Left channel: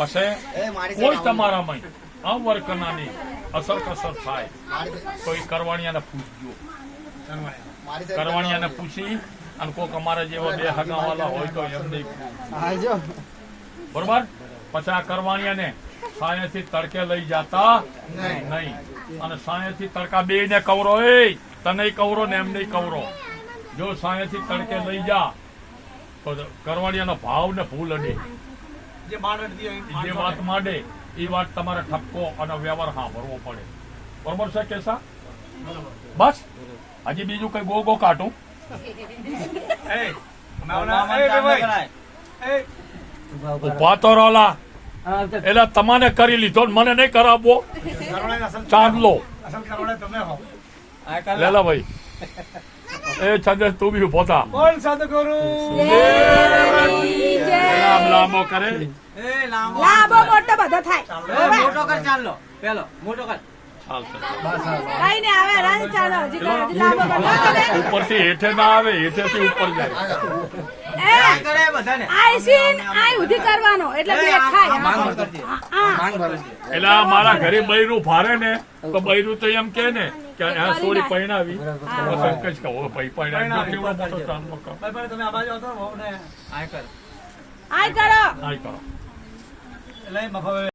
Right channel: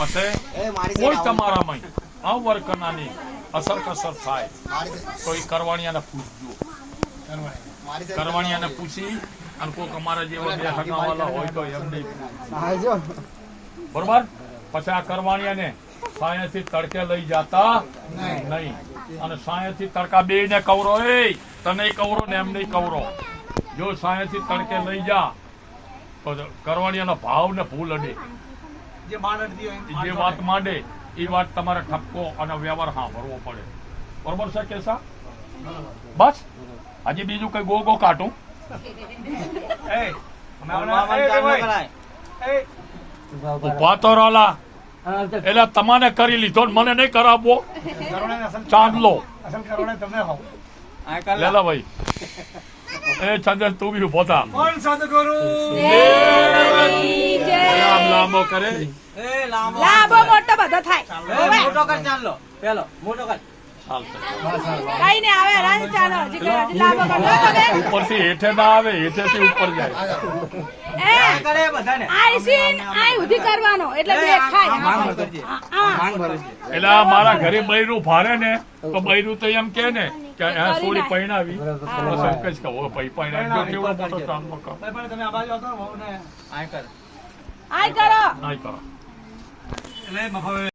પછી કોઈ તમારામાં આ વર્કનાની અસર કસર થાય તો એ કરવાણીયાને પૂછજો. કરવાણીયાને પૂછી અને કોઈક અમારા જેવા બે હગાવાલા હોય તો એમને બરોબર. પછી આ કરવાણીયાને સાયાથી તડકે લઈ જતા નહીં. અને સાયાથી તડકા બે ને કવરો, એ તને કવરો ને એમને કવરો. જો સાયાથી તડકે લઈ જા તો કરવાણીયાનો ભાવ ને ભૂલ અડે. જે વાત માંડે એ વાત તમારે ઠપકો અને વ્યવહાર સાંભળવો પડે. બરોબર છે કેસા? બસ હજી બીજું કઈ ગો કાઢું? ઉભા તો રોલા એટલે તમારે કરી લીધો મને નહીં કરાવવો. ચાંદલો લેલા ભાઈ એ ચંદ્ર તું બી ઉભો થા. લાંબો કરે ઉપરથી હેઠે ના આવે, હેઠેથી ઉપર જાય. એટલે મારા ઘરે બૈરું ભારે ને તો બૈરું તો એમ કે ને કે થોડી પૈણાવી ભાઈ પૈણાવી કરો.